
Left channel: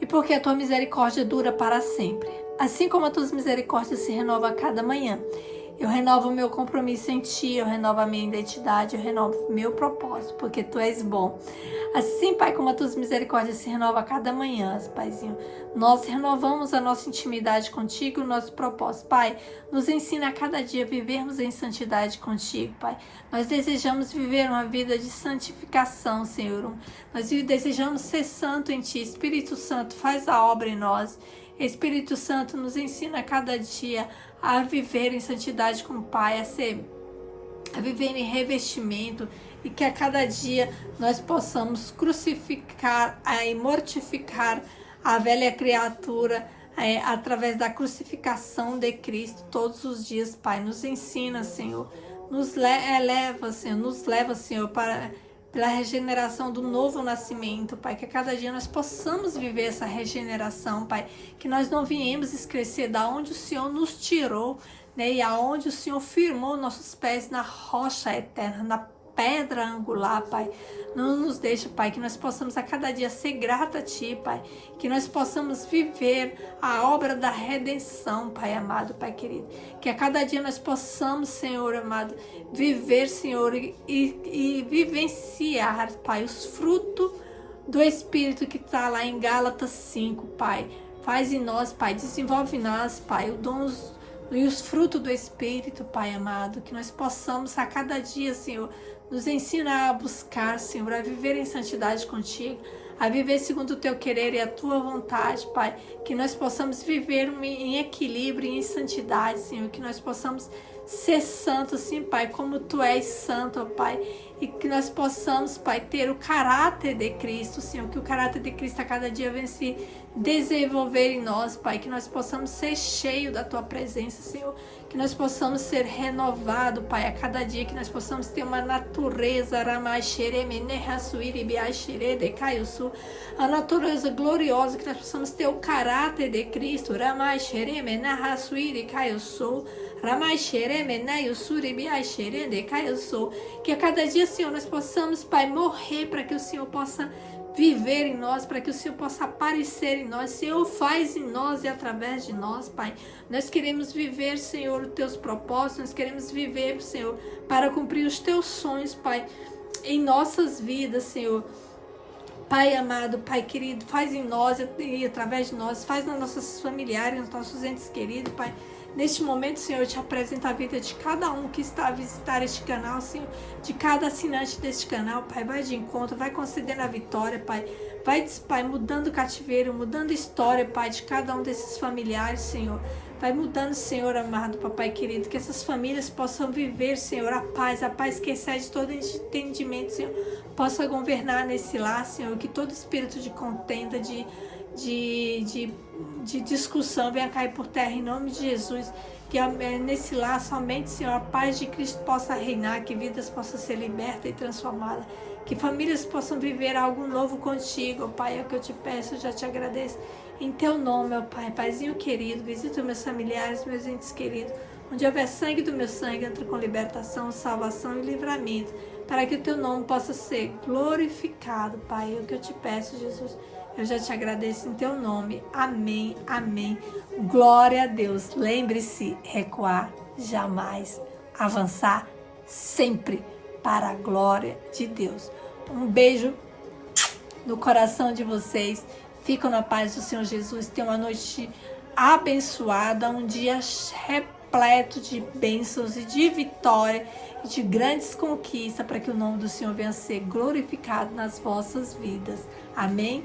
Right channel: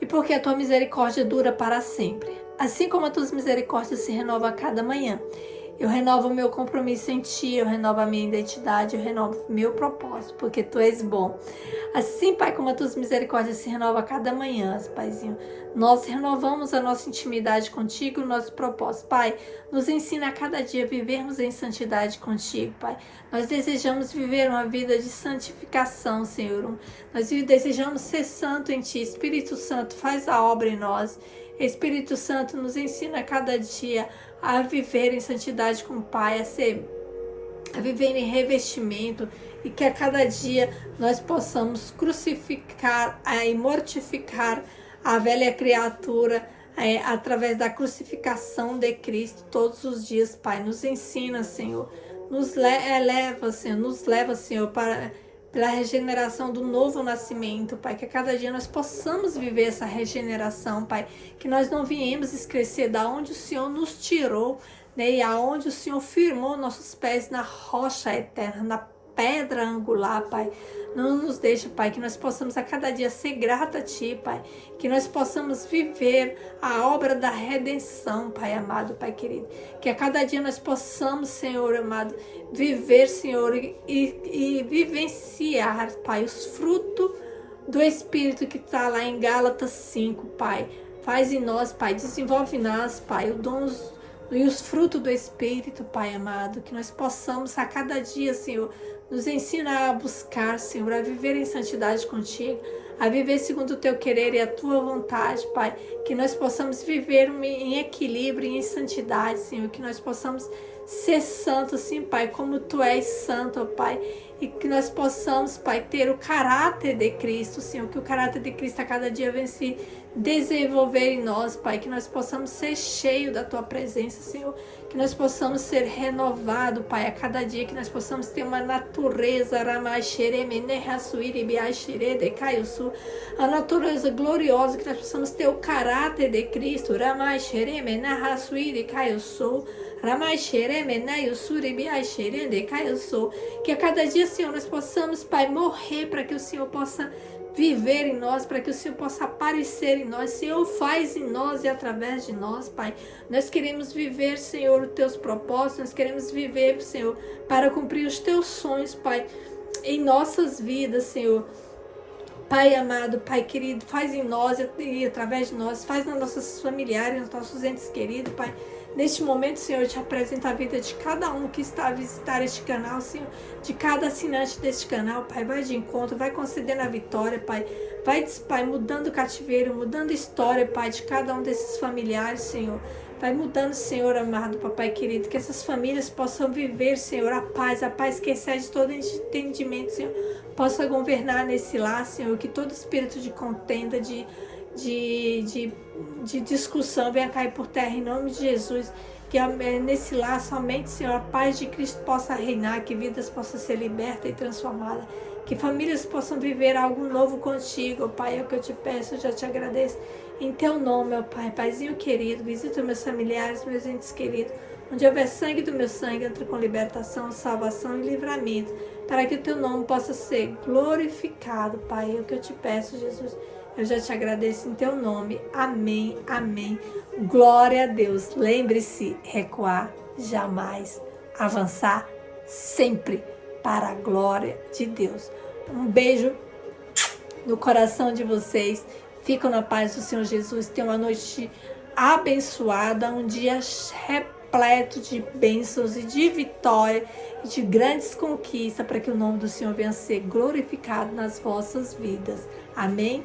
e porque a tua misericórdia dura para sempre. Assim como as tuas misericórdias se renovam a cada manhã, eu renovo o meu compromisso em ti, eu renovo a minha identidade, eu renovo o meu propósito, porque tu és bom. Assim, Pai, como as tuas misericórdias se renovam a cada manhã, Paizinho, nós renovamos a nossa intimidade contigo, o nosso propósito. Pai, nos ensina a cada dia a vivermos em santidade contigo, Pai. Nós desejamos viver uma vida de santificação, Senhor. Nós desejamos ser santo em Ti. Espírito Santo, faz a obra em nós. Espírito Santo, nos ensina a cada dia a viver em santidade com o Pai, a viver em revestimento, e que a cada dia nós possamos crucificar e mortificar a velha criatura através da crucificação de Cristo todos os dias, Pai. Nos ensina, Senhor, nos leva, Senhor, pela regeneração do novo nascimento, Pai, que a cada dia nós possamos viver essa regeneração, Pai, que nós não viemos esquecer da onde o Senhor nos tirou, né, e aonde o Senhor firmou nossos pés na rocha eterna, na pedra angular, Pai. Não nos deixe, Pai, que nós possamos a cada dia ser grata a Ti, Pai, que nós possamos viver a obra da redenção, Pai amado, Pai querido, que a cada dia nós possamos, Senhor amado, viver, Senhor, e vivenciar, Pai, os frutos do Espírito que está lá em Gálatas 5, Pai. Faz em nós, Pai, desenvolve em nós, Pai, os dons e os frutos do Espírito, Pai amado, que nós possamos a cada dia, Senhor, nos ensina a buscar, Senhor, a viver em santidade contigo, a viver segundo o Teu querer e a Tua vontade, Pai, que nós possamos viver em equilíbrio e em santidade, Senhor, que nós possamos ser santos, sim, Pai, como Tu és santo, ó Pai, e que nós possamos, Pai, ter o caráter de Cristo, Senhor, que o caráter de Cristo a cada dia venha se desenvolver em nós, Pai, que nós possamos ser cheios da Tua presença, Senhor, que nós possamos ser renovados, Pai, a cada dia, que nós possamos ter uma natureza, a natureza gloriosa, que nós possamos ter o caráter de Cristo, que a cada dia, Senhor, nós possamos, Pai, morrer para que o Senhor possa viver em nós, para que o Senhor possa aparecer em nós. Senhor, faz em nós e através de nós, Pai. Nós queremos viver, Senhor, os Teus propósitos, nós queremos viver, Senhor, para cumprir os Teus sonhos, Pai, em nossas vidas, Senhor. Pai amado, Pai querido, faz em nós e através de nós, faz nas nossas familiares, nos nossos entes queridos, Pai. Neste momento, Senhor, eu te apresento a vida de cada um que está a visitar este canal, Senhor, de cada assinante deste canal, Pai. Vai de encontro, vai concedendo a vitória, Pai. Vai, Pai, mudando o cativeiro, mudando a história, Pai, de cada um desses familiares, Senhor. Vai mudando, Senhor amado, Papai querido, que essas famílias possam viver, Senhor, a paz que excede todo entendimento, Senhor, possa governar nesse lar, Senhor, que todo espírito de contenda, de discussão venha cair por terra em nome de Jesus, que nesse lar somente, Senhor, a paz de Cristo possa reinar, que vidas possam ser libertas e transformadas, que famílias possam viver algo novo contigo, ó Pai, é o que eu te peço, eu já te agradeço, em Teu nome, ó Pai. Paizinho querido, visita meus familiares, meus entes queridos, onde houver sangue do meu sangue, entra com libertação, salvação e livramento, para que o Teu nome possa ser glorificado, Pai, é o que eu te peço, Jesus. Eu já te agradeço em Teu nome. Amém, amém. Glória a Deus. Lembre-se, recuar jamais, avançar sempre para a glória de Deus. Um beijo no coração de vocês. Fiquem na paz do Senhor Jesus. Tenham uma noite abençoada, um dia repleto de bênçãos e de vitória e de grandes conquistas, para que o nome do Senhor venha a ser glorificado nas vossas vidas. Amém?